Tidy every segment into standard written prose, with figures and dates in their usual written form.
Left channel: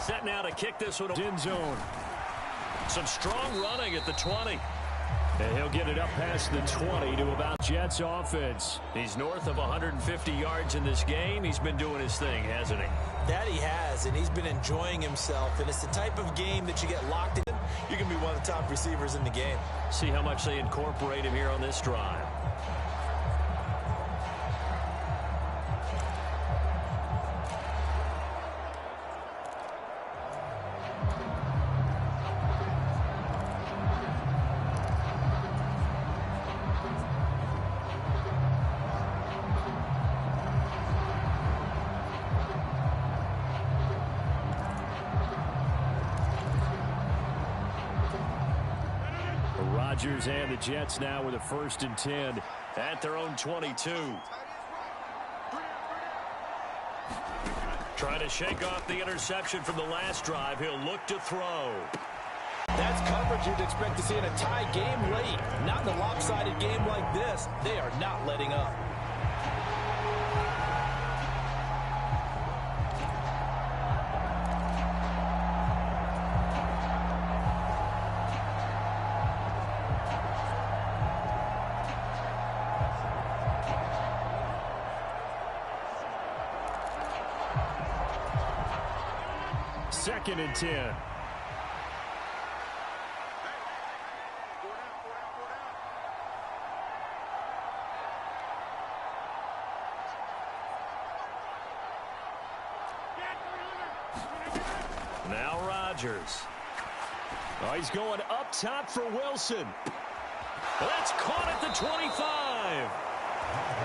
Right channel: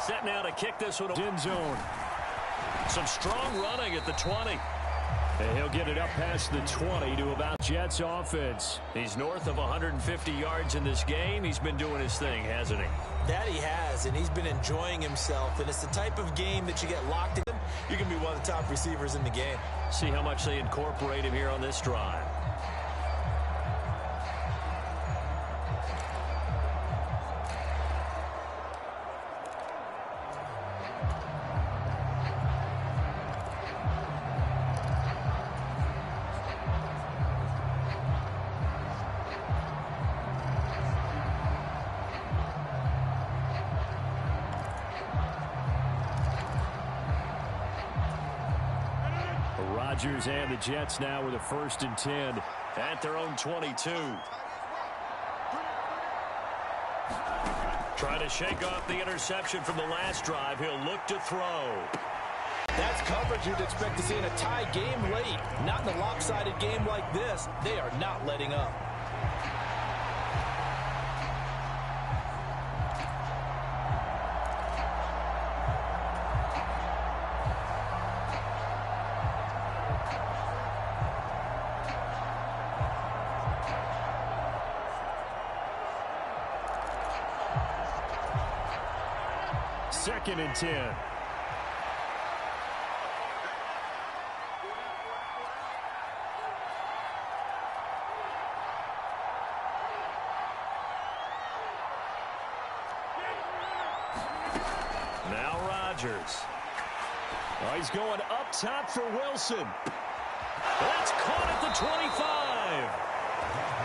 Set now to kick this one. In zone. Some strong running at the 20. And he'll get it up past the 20 to about Jets offense. He's north of 150 yards in this game. He's been doing his thing, hasn't he? That he has, and he's been enjoying himself. And it's the type of game that you get locked in. You can be one of the top receivers in the game. See how much they incorporate him here on this drive. Rodgers and the Jets now with a 1st and 10 at their own 22. Trying to shake off the interception from the last drive. He'll look to throw. That's coverage you'd expect to see in a tie game late. Not in a lopsided game like this. They are not letting up. Second and 10. Now Rodgers. Oh, he's going up top for Wilson. That's caught at the 25.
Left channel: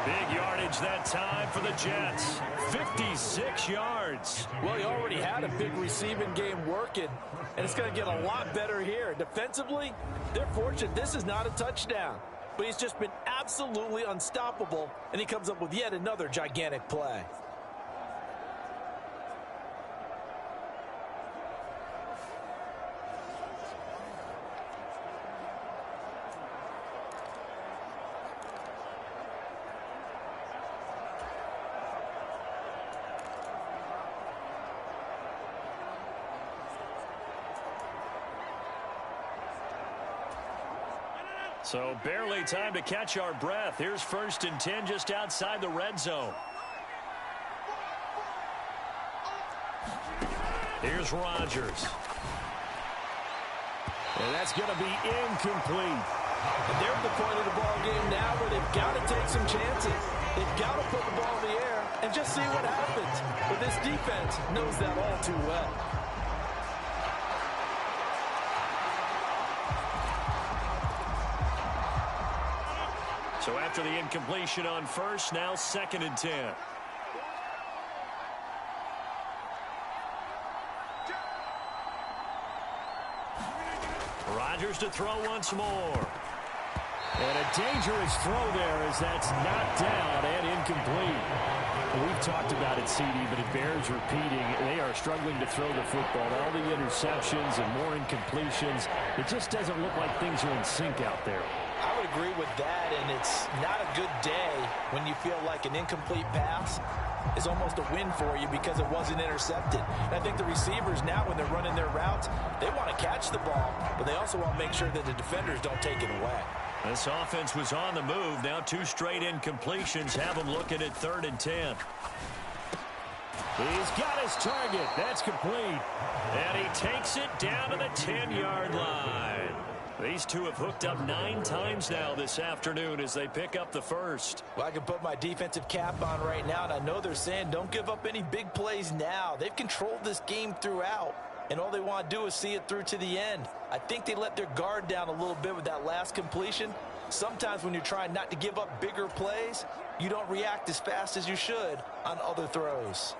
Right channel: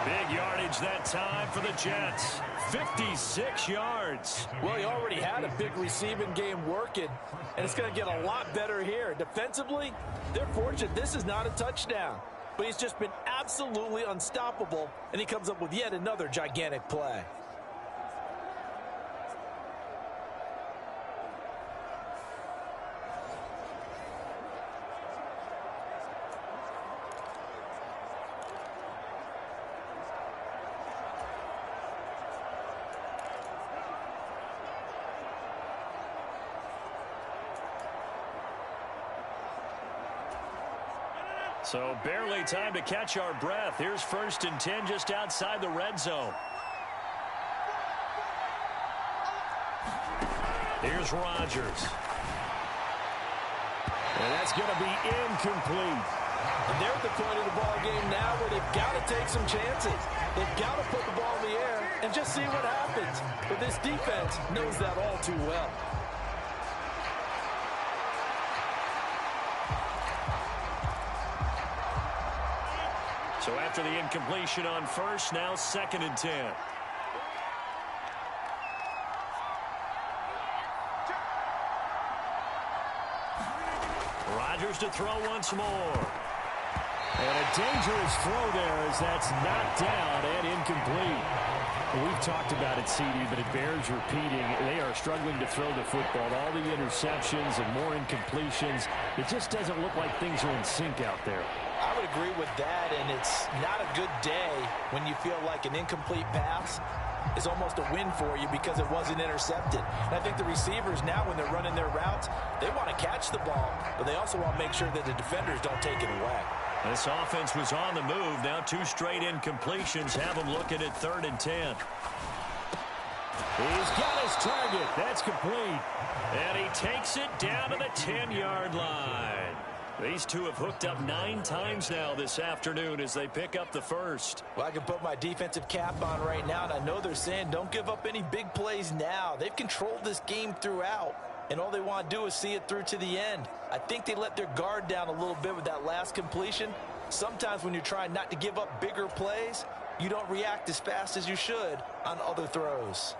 Big yardage that time for the Jets. 56 yards. Well, he already had a big receiving game working, and it's going to get a lot better here. Defensively, they're fortunate this is not a touchdown, but he's just been absolutely unstoppable, and he comes up with yet another gigantic play. So barely time to catch our breath. Here's 1st and 10 just outside the red zone. Here's Rodgers. And that's going to be incomplete. And they're at the point of the ball game now where they've got to take some chances. They've got to put the ball in the air and just see what happens. But this defense knows that all too well. So after the incompletion on 1st, now 2nd and 10. Rodgers to throw once more. And a dangerous throw there as that's knocked down and incomplete. We've talked about it, CD, but it bears repeating. They are struggling to throw the football. All the interceptions and more incompletions. It just doesn't look like things are in sync out there. I would agree with that, and it's not a good day when you feel like an incomplete pass is almost a win for you because it wasn't intercepted. And I think the receivers now, when they're running their routes, they want to catch the ball, but they also want to make sure that the defenders don't take it away. This offense was on the move. Now 2 straight incompletions have them looking at 3rd and 10. He's got his target. That's complete. And he takes it down to the 10-yard line. These two have hooked up 9 times now this afternoon as they pick up the 1st. Well, I can put my defensive cap on right now, and I know they're saying don't give up any big plays now. They've controlled this game throughout, and all they want to do is see it through to the end. I think they let their guard down a little bit with that last completion. Sometimes when you're trying not to give up bigger plays, you don't react as fast as you should on other throws.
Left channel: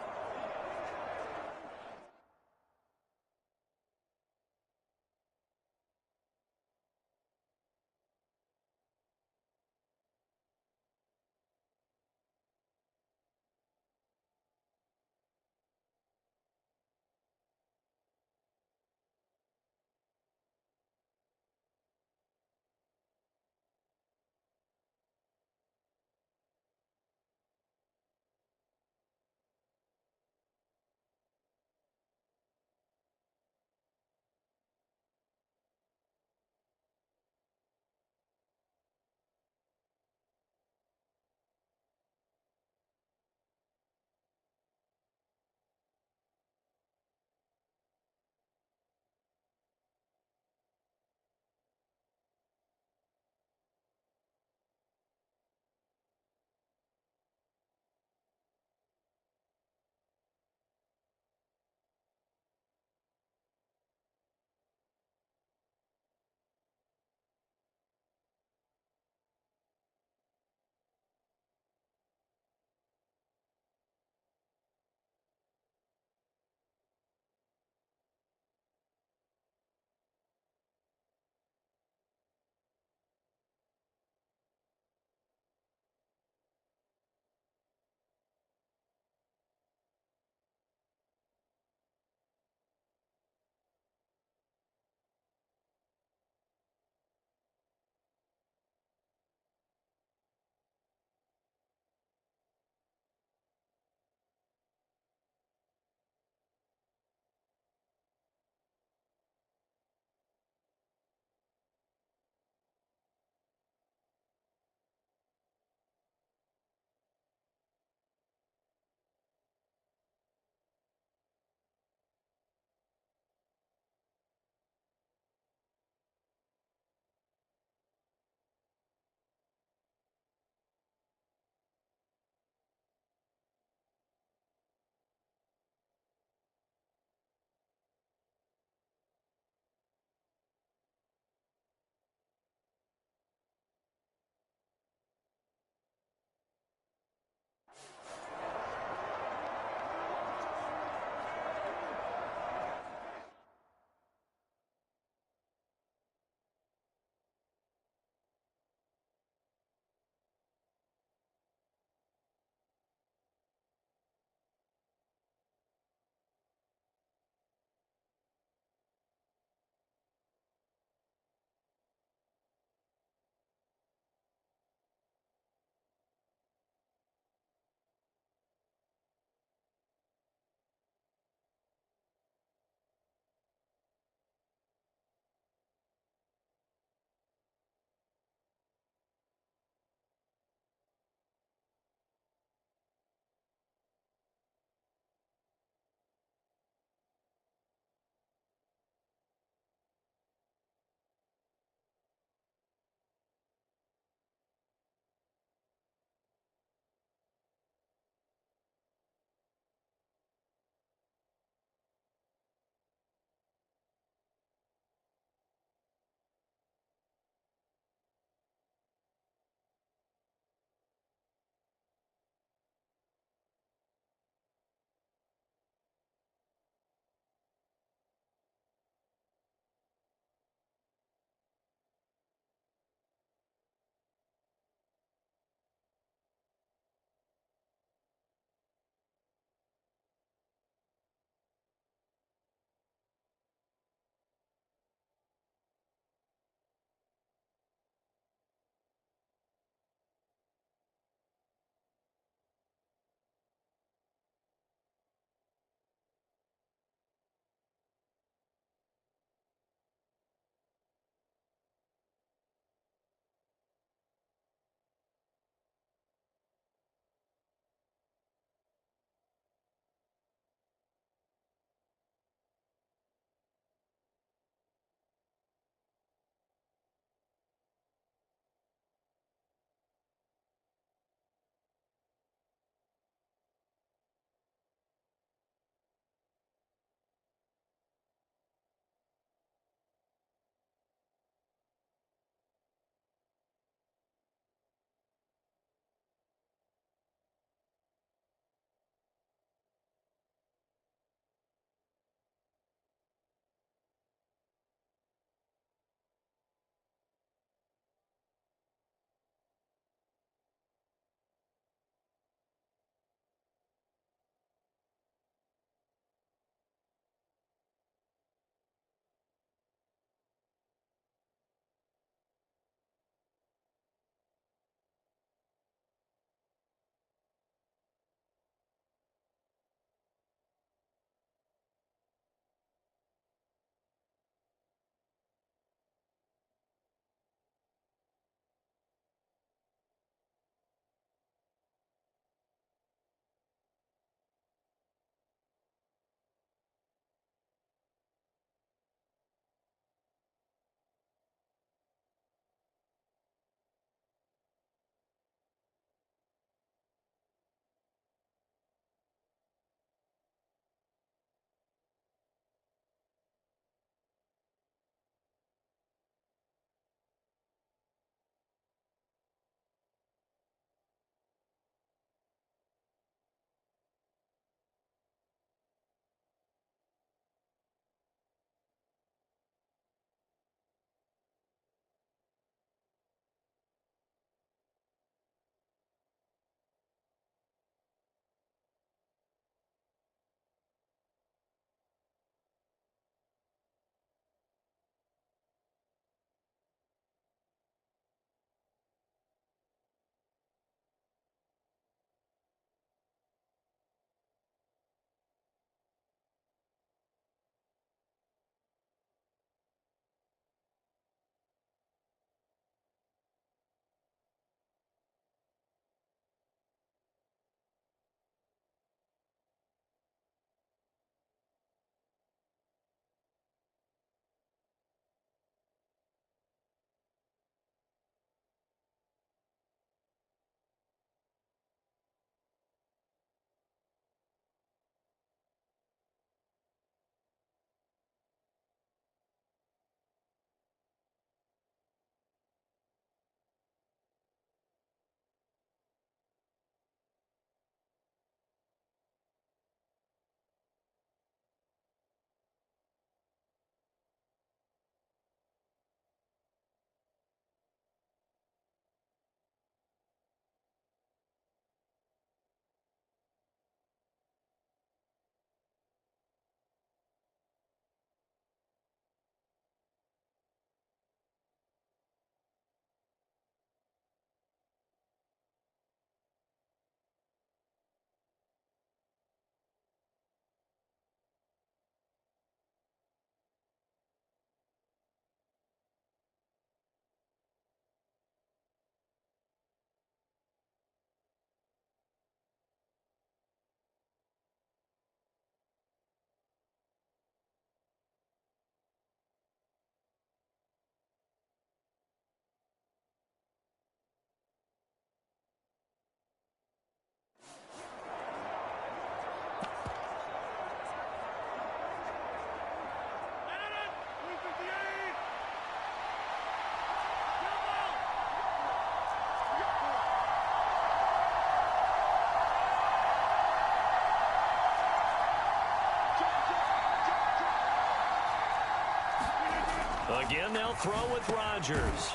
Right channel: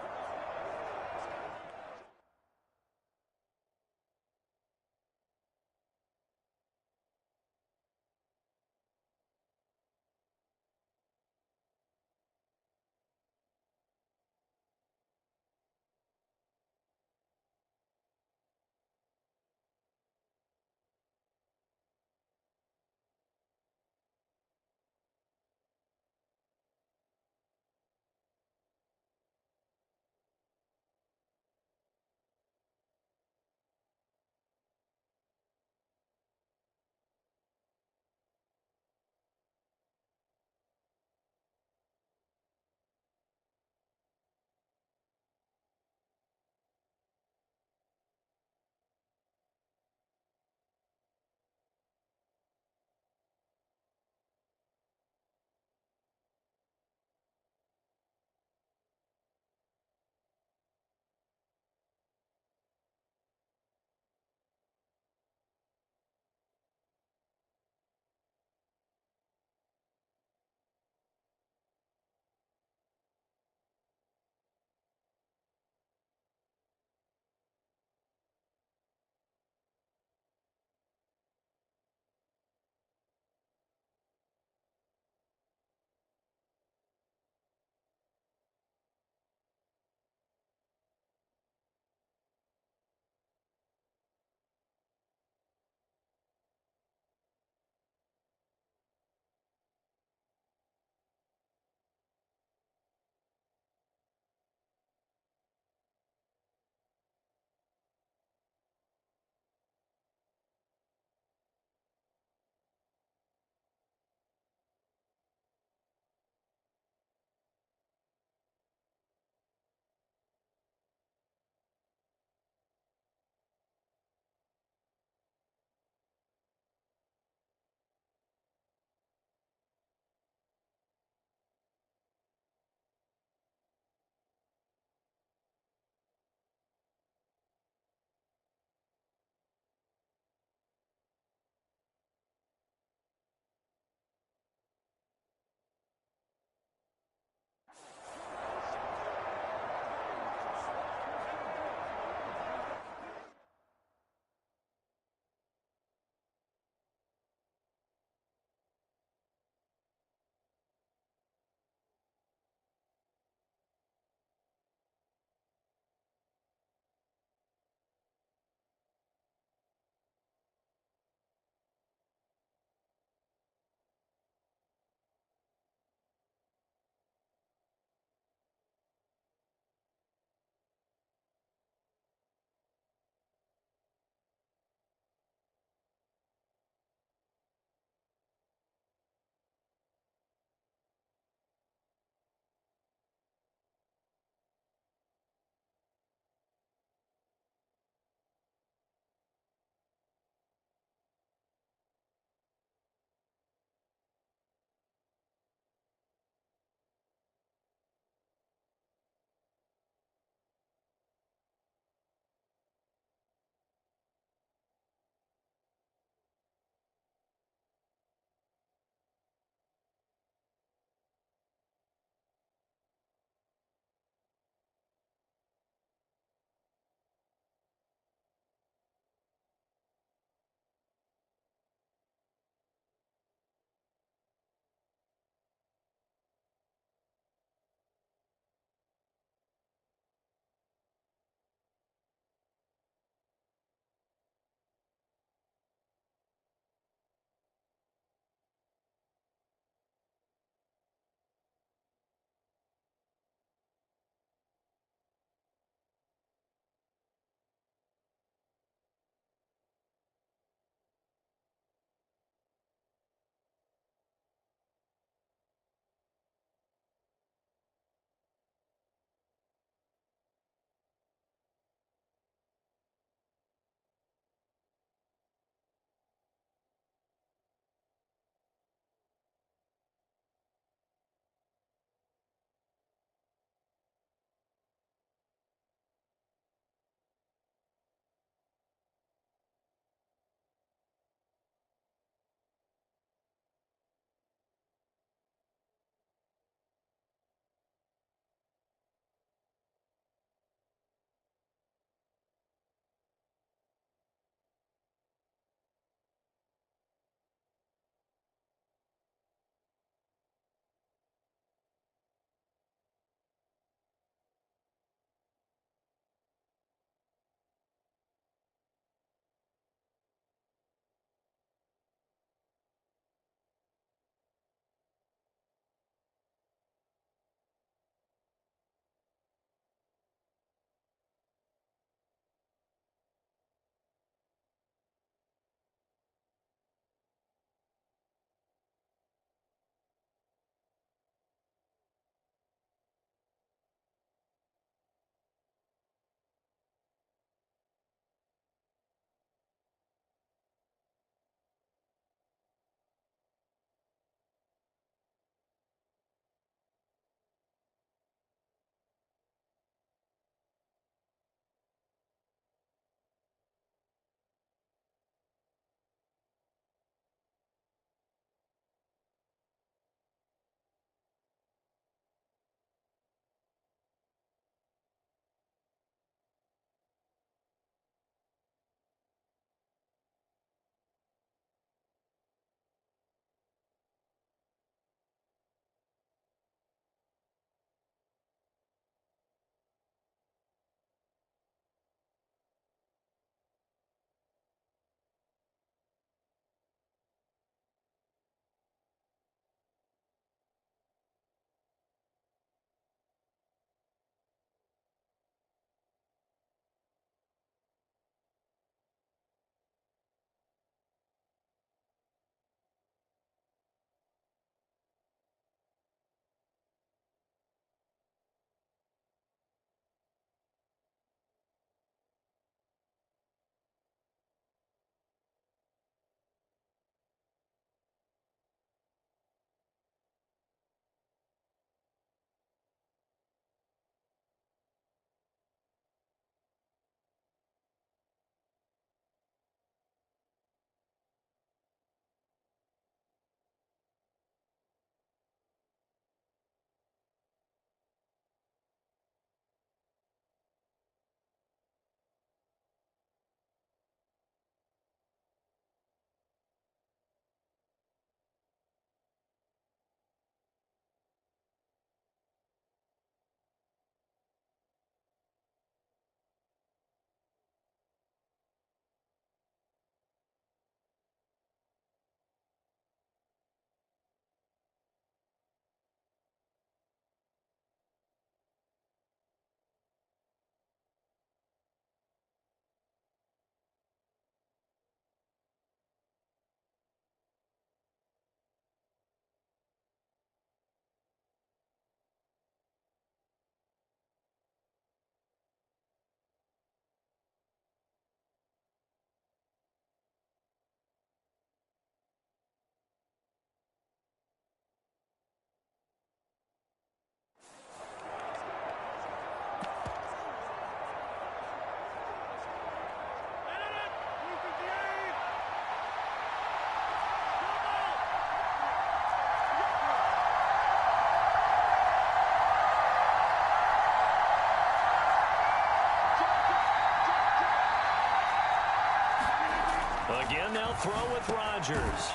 Again, they'll throw with Rodgers.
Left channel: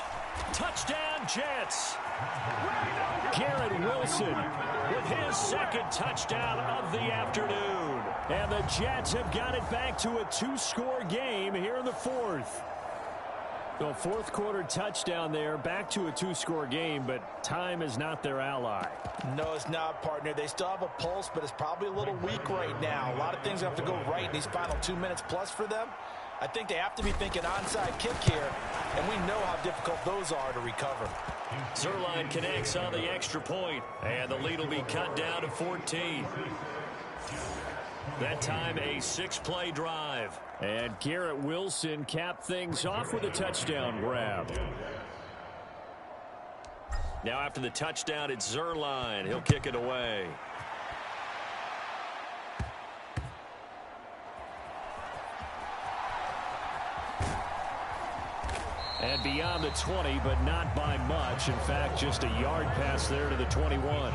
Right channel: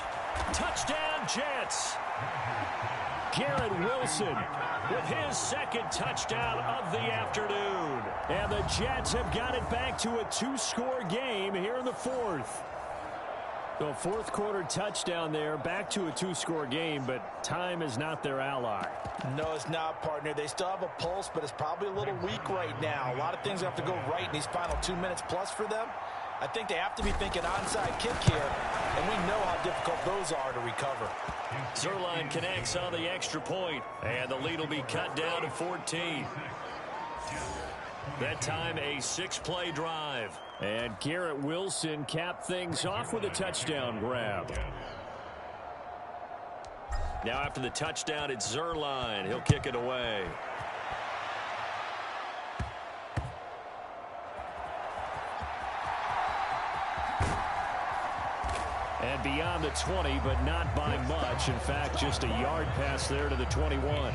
Touchdown, Jets. Garrett Wilson with his second touchdown of the afternoon. And the Jets have got it back to a 2-score game here in the fourth. The fourth quarter touchdown there, back to a 2-score game, but time is not their ally. No, it's not, partner. They still have a pulse, but it's probably a little weak right now. A lot of things have to go right in these final 2 minutes plus for them. I think they have to be thinking onside kick here, and we know how difficult those are to recover. Zerline connects on the extra point, and the lead will be cut down to 14. That time a 6-play drive. And Garrett Wilson capped things off with a touchdown grab. Now after the touchdown, it's Zerline. He'll kick it away. And beyond the 20, but not by much. In fact, just a yard pass there to the 21.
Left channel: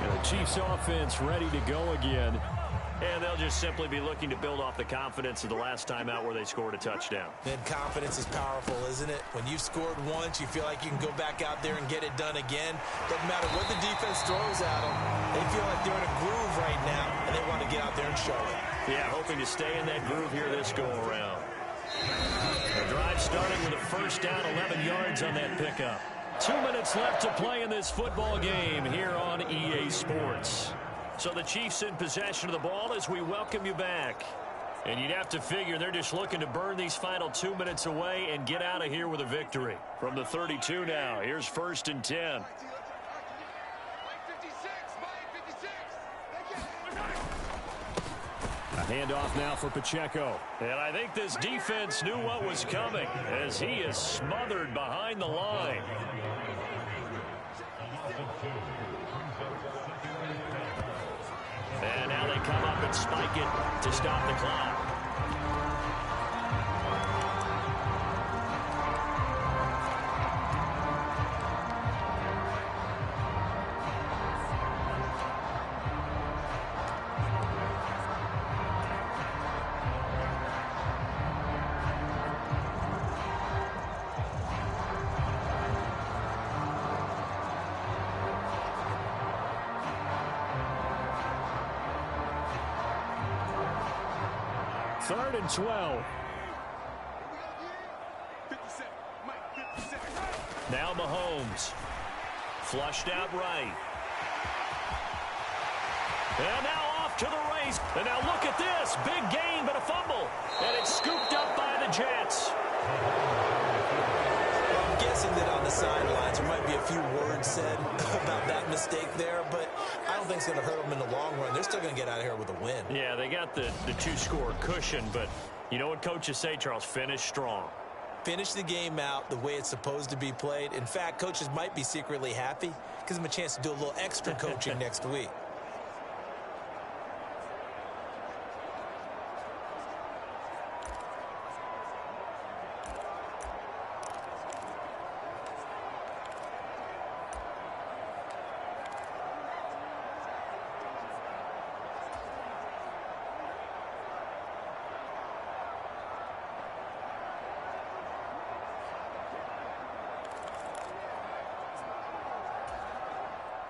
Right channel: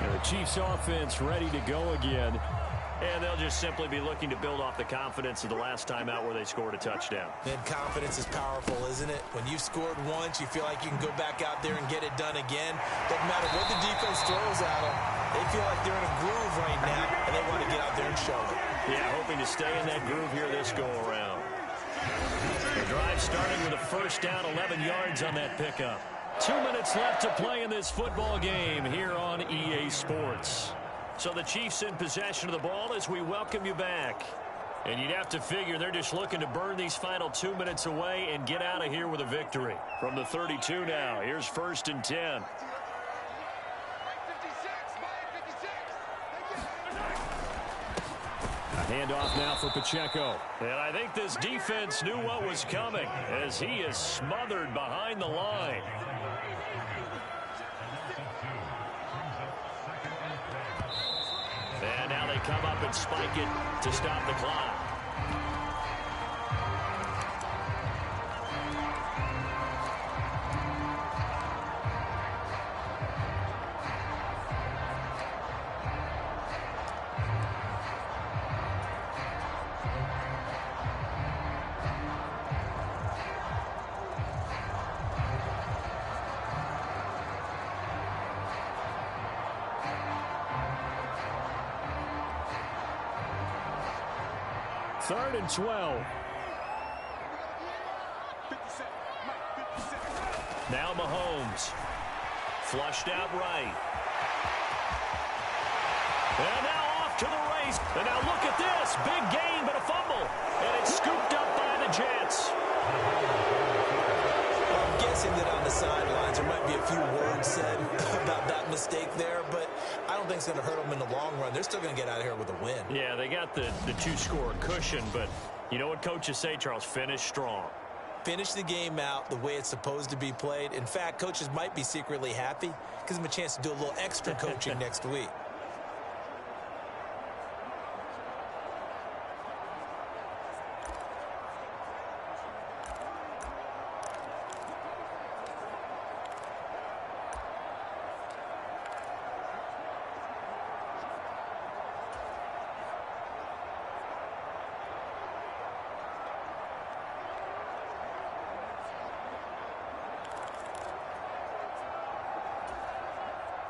And the Chiefs offense ready to go again. And they'll just simply be looking to build off the confidence of the last time out where they scored a touchdown. And confidence is powerful, isn't it? When you've scored once, you feel like you can go back out there and get it done again. Doesn't matter what the defense throws at them. They feel like they're in a groove right now, and they want to get out there and show it. Yeah, hoping to stay in that groove here this go-around. The drive starting with a first down, 11 yards on that pickup. 2 minutes left to play in this football game here on EA Sports. So the Chiefs in possession of the ball as we welcome you back. And you'd have to figure they're just looking to burn these final 2 minutes away and get out of here with a victory. From the 32 now, here's 1st and 10. A handoff now for Pacheco. And I think this defense knew what was coming as he is smothered behind the line. And now they come up and spike it to stop the clock. Third and 12. Now Mahomes. Flushed out right. And now off to the race. And now look at this. Big gain, but a fumble. And it's scooped up by the Jets. Well, I'm guessing that on the sidelines there might be a few words said about that mistake there, but I don't think it's going to hurt them in the long run. They're still going to get out of here with a win. Yeah, they got the 2-score cushion, but you know what coaches say, Charles? Finish strong. Finish the game out the way it's supposed to be played. In fact, coaches might be secretly happy because them a chance to do a little extra coaching next week.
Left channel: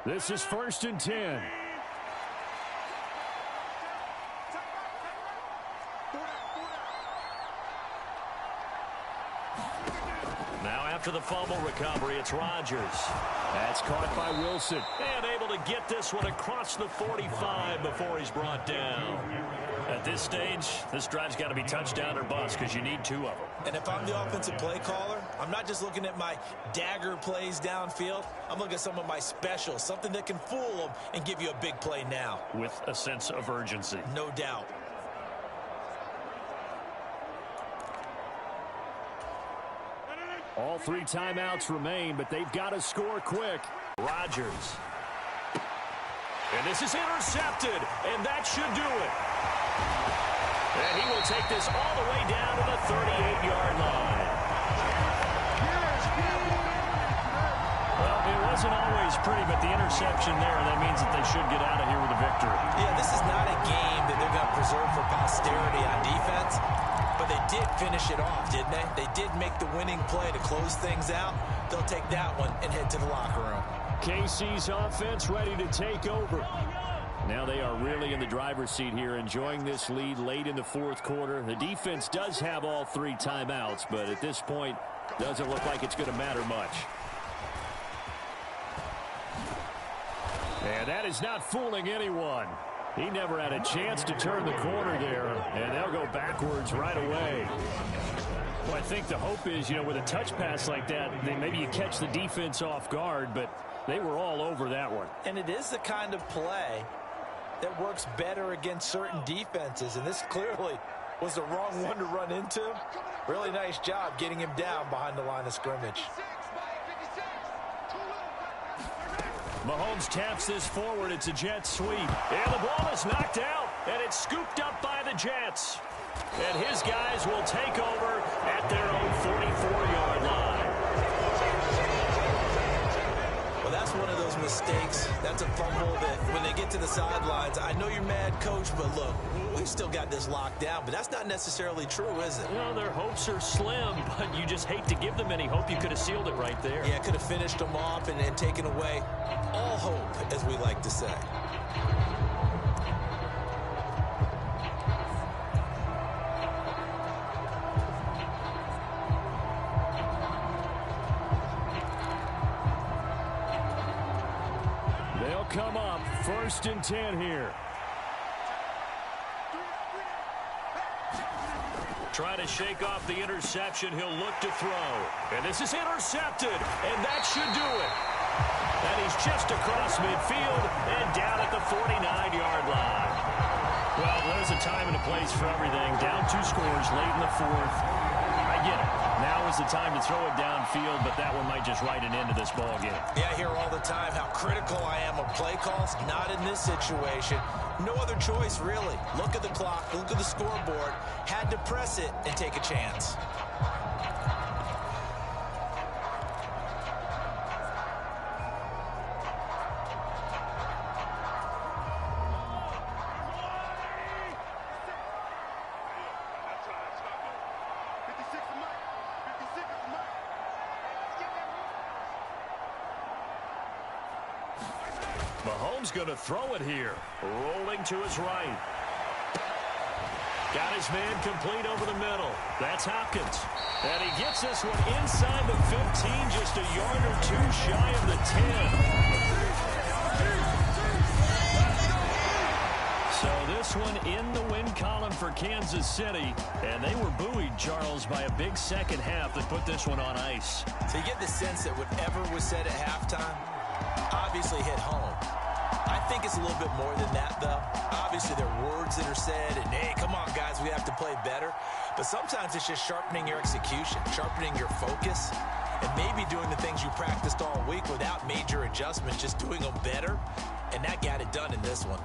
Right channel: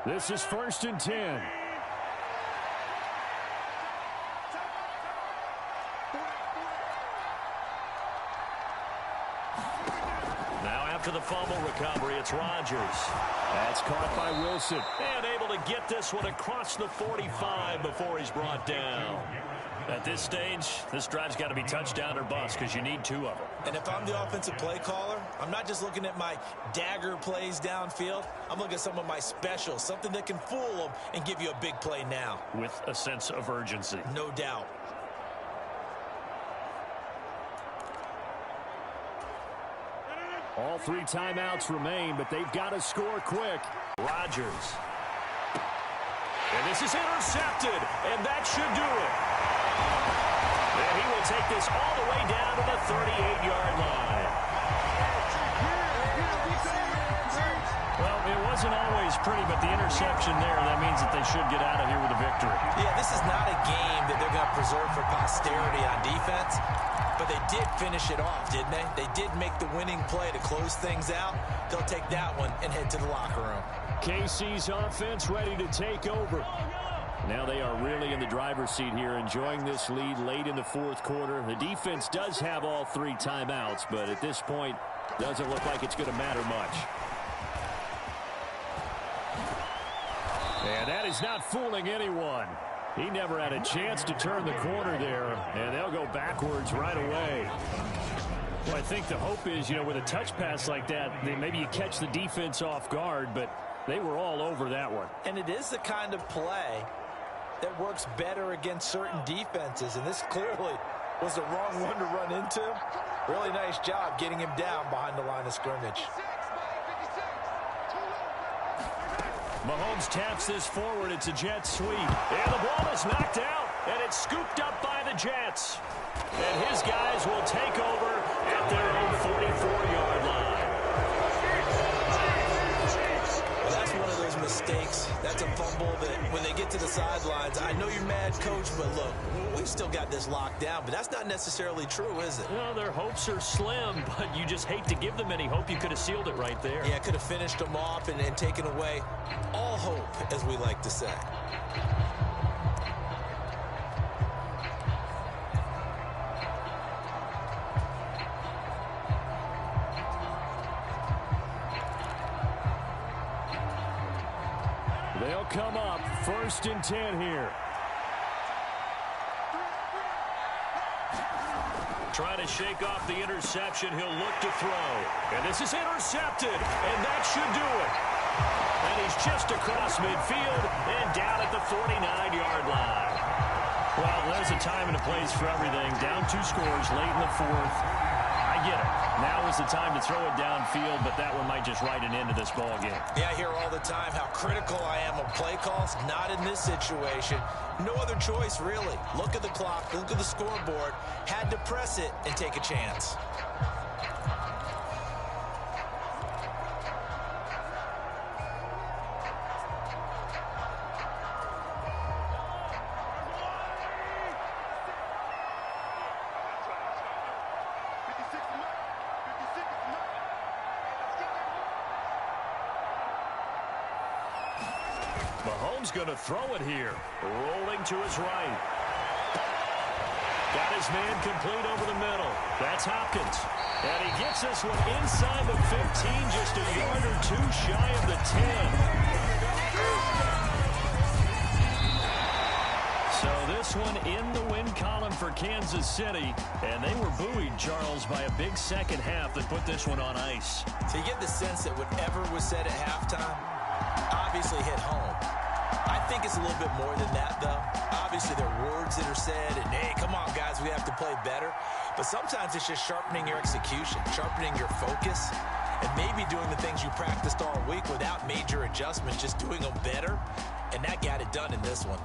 This is 1st and 10. Now after the fumble recovery, it's Rodgers. That's caught by Wilson. And able to get this one across the 45 before he's brought down. At this stage, this drive's got to be touchdown or bust because you need 2 of them. And if I'm the offensive play caller, I'm not just looking at my dagger plays downfield. I'm looking at some of my specials, something that can fool them and give you a big play now. With a sense of urgency. No doubt. All 3 timeouts remain, but they've got to score quick. Rodgers. And this is intercepted, and that should do it. And he will take this all the way down to the 38-yard line. Well, it was wasn't always pretty, but the interception there, that means that they should get out of here with a victory. Yeah, this is not a game that they're going to preserve for posterity on defense, but they did finish it off, didn't they? They did make the winning play to close things out. They'll take that one and head to the locker room. KC's offense ready to take over. Now they are really in the driver's seat here, enjoying this lead late in the fourth quarter. The defense does have all 3 timeouts, but at this point, doesn't look like it's going to matter much. And that is not fooling anyone. He never had a chance to turn the corner there, and they'll go backwards right away. Well, I think the hope is, with a touch pass like that, maybe you catch the defense off guard, but they were all over that one. And it is the kind of play that works better against certain defenses, and this clearly was the wrong one to run into. Really nice job getting him down behind the line of scrimmage. Mahomes taps this forward. It's a jet sweep. And the ball is knocked out, and it's scooped up by the Jets. And his guys will take over at their own 44-yard line. Well, that's one of those mistakes. That's a fumble that when they get to the sidelines, I know you're mad, Coach, but look, we've still got this locked down, but that's not necessarily true, is it? Their hopes are slim, but you just hate to give them any hope. You could have sealed it right there. Yeah, could have finished them off and taken away all hope, as we like to say. They'll come up 1st and 10 here. Trying to shake off the interception. He'll look to throw. And this is intercepted, and that should do it. And he's just across midfield and down at the 49-yard line. Well, there's a time and a place for everything. Down 2 scores late in the fourth. I get it. Now is the time to throw it downfield, but that one might just write an end to this ball game. Yeah, I hear all the time how critical I am of play calls. Not in this situation. No other choice, really. Look at the clock. Look at the scoreboard. Had to press it and take a chance. Mahomes going to throw it here. Rolling to his right. Got his man complete over the middle. That's Hopkins. And he gets this one inside the 15, just a yard or 2 shy of the 10. So this one in the win column for Kansas City. And they were buoyed, Charles, by a big second half that put this one on ice. So you get the sense that whatever was said at halftime obviously hit home. I think it's a little bit more than that, though. Obviously, there are words that are said, and, hey, come on, guys, we have to play better. But sometimes it's just sharpening your execution, sharpening your focus, and maybe doing the things you practiced all week without major adjustments, just doing them better. And that got it done in this one.